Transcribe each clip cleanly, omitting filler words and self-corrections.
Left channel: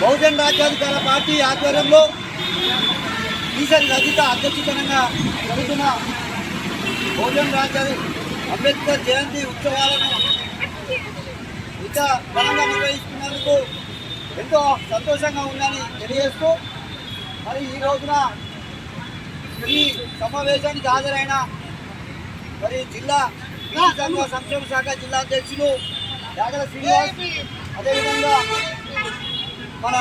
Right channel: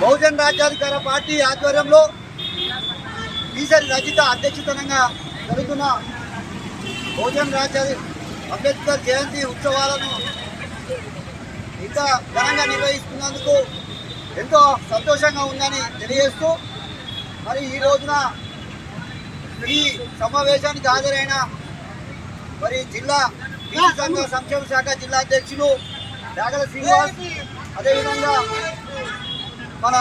బహుజన్ రాజ్యాధికార పార్టీ ఆధ్వర్యంలో ఈసరి రజిత అధ్యక్షతనంగా జరుగుతున్న బహుజన్ అంబేద్కర్ జయంతి ఉత్సవాలను ఇంత ఘనంగా నిర్వహిస్తున్నందుకు ఎంతో సంతోషంగా ఉందని తెలియజేస్తూ మరి ఈ రోజున ఈ సమావేశానికి హాజరైన మరి జిల్లా బీసీ సంఘ సంక్షేమ శాఖ జిల్లా అధ్యక్షులు యాగల శ్రీనివాస్, అదేవిధంగా మన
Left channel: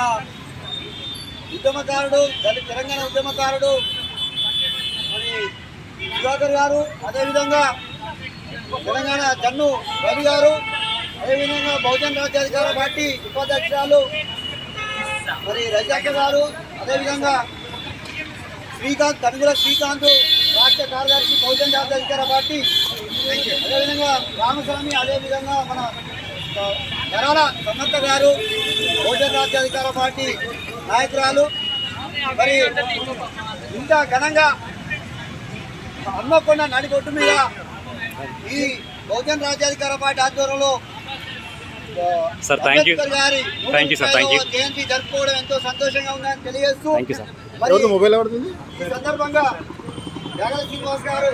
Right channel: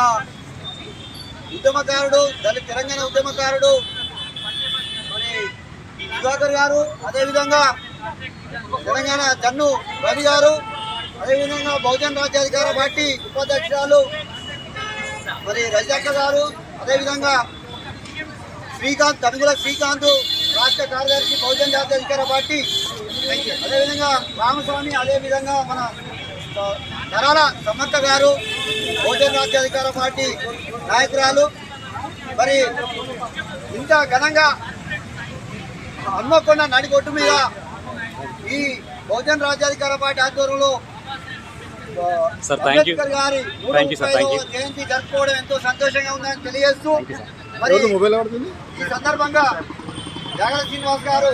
ఉద్యమకారుడు తెలంగాణ ఉద్యమకారుడు మరి దివాకర్ గారు, అదేవిధంగా తెలంగాణ జన్ను రవి గారు, అదేవిధంగా బహుజన్ రాజ్యాధికార పార్టీ ఉపాధ్యక్షురాలు మరి రజక్క గారు, అదేవిధంగా తనుగుల శ్రీకాంత్ రాష్ట్ర కార్యదర్శి బహుజన్ రాజ్యాధికార పార్టీ, అదేవిధంగా రామస్వామి, అదేవిధంగా మన ధరాల సమంత గారు బహుజన్ రాజ్యాధికార పార్టీ నాయకురాలు. మరి ఇంత ఘనంగా హన్మకొండ నడిగొట్టు మీద ఈ బహుజన్ రాజ్యాధికార పార్టీ ఆధ్వర్యంలో అంబేద్కర్ గారి జయంతి జరుపుకోవడం ఎంతో సంతోషంగా ఉందని తెలియజేస్తూ ఈ సందర్భంగా యాగల శ్రీనివాస్ గారు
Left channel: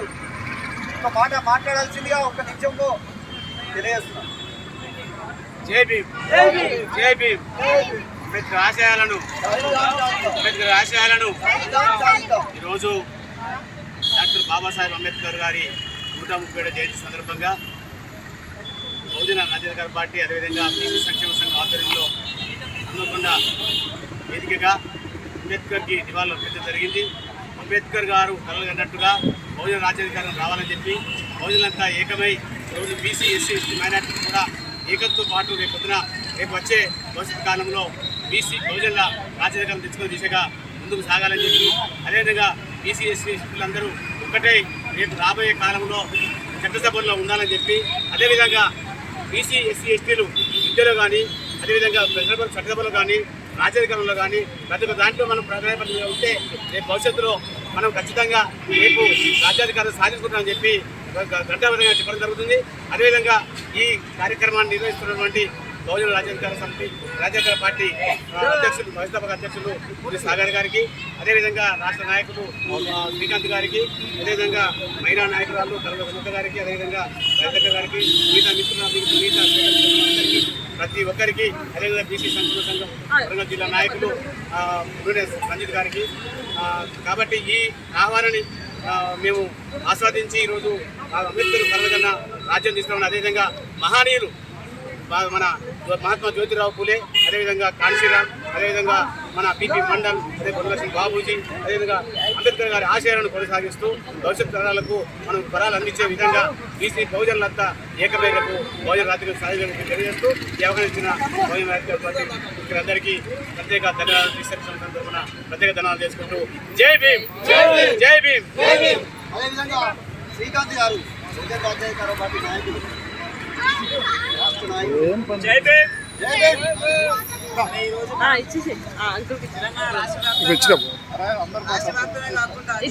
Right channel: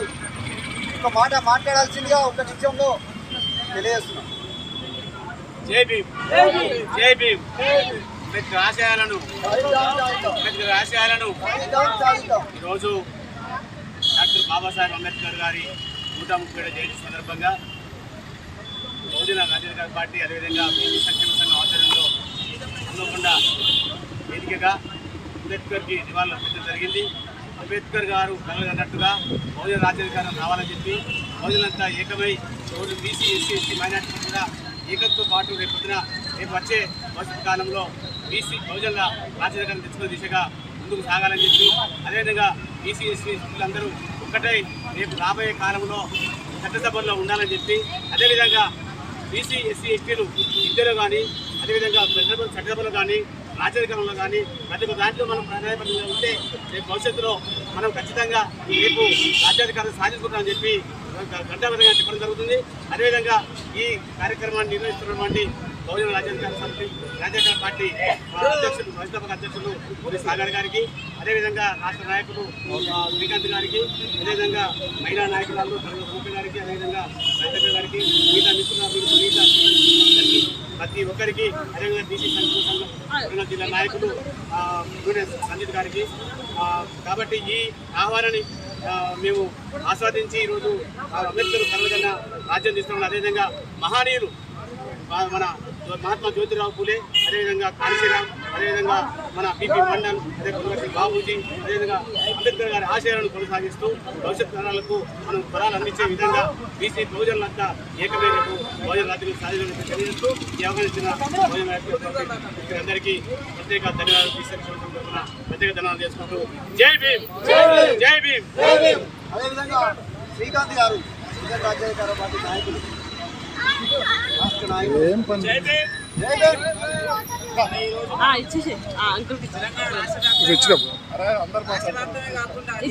ఒక మాట మాట్లాడాల్సిందిగా ఒక నిమిషంలో తెలియజేస్తున్నాం. జై భీమ్, జై భీమ్. అంబేద్కర్ ఆశయాలను ఈరోజు డాక్టర్ బాబాసాహెబ్ అంబేద్కర్ గారి 137వ జయంతి సందర్భంగా బహుజన రాజ్యాధికార పార్టీ, అదేవిధంగా బీసీ సంక్షేమ సంఘం ఆధ్వర్యంలో హన్మకొండ వేదికగా అంబేద్కర్కి నివాళులు అర్పించడం జరిగింది. అంబేద్కర్ గారు కలలు కన్నట్టుగా బహుజన రాజ్యాధికారం రావాలని చెప్పి బహుజనులంతా ఏకమై ఈరోజు బీసీ, ఎస్సీ, ఎస్టీ, మైనార్టీలు కూడా ఏకంతో పాటు రేపు వచ్చే భవిష్యత్ కాలంలో బీసీ బహుజనుల రాజ్యాధికారం తెచ్చుకునే దిశగా ముందుకు సాగాలని చెప్పి, అదేవిధంగా బీసీ, ఎస్సీ అందరూ ఒక్కటే రేపు రాబోయే కాలంలో చట్టసభల్లో ఉండాలని చెప్పి, అదేవిధంగా బీసీ, ఎస్సీ, ఎస్టీలు విద్యలో కానీ, అదేవిధంగా చట్టసభలో కానీ, రాజ్యాధికారంలో కానీ ప్రతి ఒక్క దాంట్లో మనం ప్రాధాన్యపడి ఉంటే రేపు భవిష్యత్తులో మనం ఖచ్చితంగా రేపు రాజ్యాధికారం సాధించుకుంటామని చెప్పి గంటాబద్ధంగా చెప్పడం జరుగుతుంది. అదేవిధంగా ఈ కార్యక్రమాన్ని నిర్వహిస్తున్నటువంటి బహుజన రాజ్యాధికార పార్టీ అధ్యక్షులు, వ్యవస్థాపక అధ్యక్షులు మోదీ సాగర్ గారికి, అదేవిధంగా రాష్ట్ర నాయకులు శ్రీకాంత్ గారికి, అదేవిధంగా మహిళా నాయకురాలు తరుణ సమక్క గారికి, అదేవిధంగా రజక్క గారికి, మిగతా ప్రతి ఒక్కరికి, అదేవిధంగా బీసీ సంక్షేమ సంఘం వరంగల్ జిల్లా నాయకులు సంజిత్ గారికి. కాబట్టి ఈ ఆహ్వానాన్ని మేము ఆస్వాదించి ఈరోజు అంబేద్కర్ కలగన్న రాజ్యం తీసుకున్నాం. అదేవిధంగా మహనీయులు మన మహాత్మా జ్యోతిరావు పూలే, అదేవిధంగా కాన్సీరామ్, అదేవిధంగా మన పిపి మండల్, అదే పొన్నలక్ష్మి బాబూజీ, అదేవిధంగా అంబేద్కర్ గారి ఆశయాలను కొనసాగిస్తూ భవిష్యత్ తరాలకు మనం వరాలు అందించే విధంగా బీసీ బహుజనులంతా ఏకమేరకు బహుజన రాజ్యం సాధించాలని తెలియజేస్తూ ఈ అవకాశం ఇచ్చిన బహుజన రాజ్య పార్టీ అందరికీ ప్రత్యేక ధన్యవాదాలు తీసుకున్న ప్రత్యేక ధన్యవాదాలు చేసుకుంటూ జై భీమ్, జై భీమ్. అదేవిధంగా శ్రీకాంత్ గారు బహుజన రాజ్యాధికార పార్టీ నాయకులు, రాష్ట్ర నాయకులు. జై భీమ్, జై భీమ్.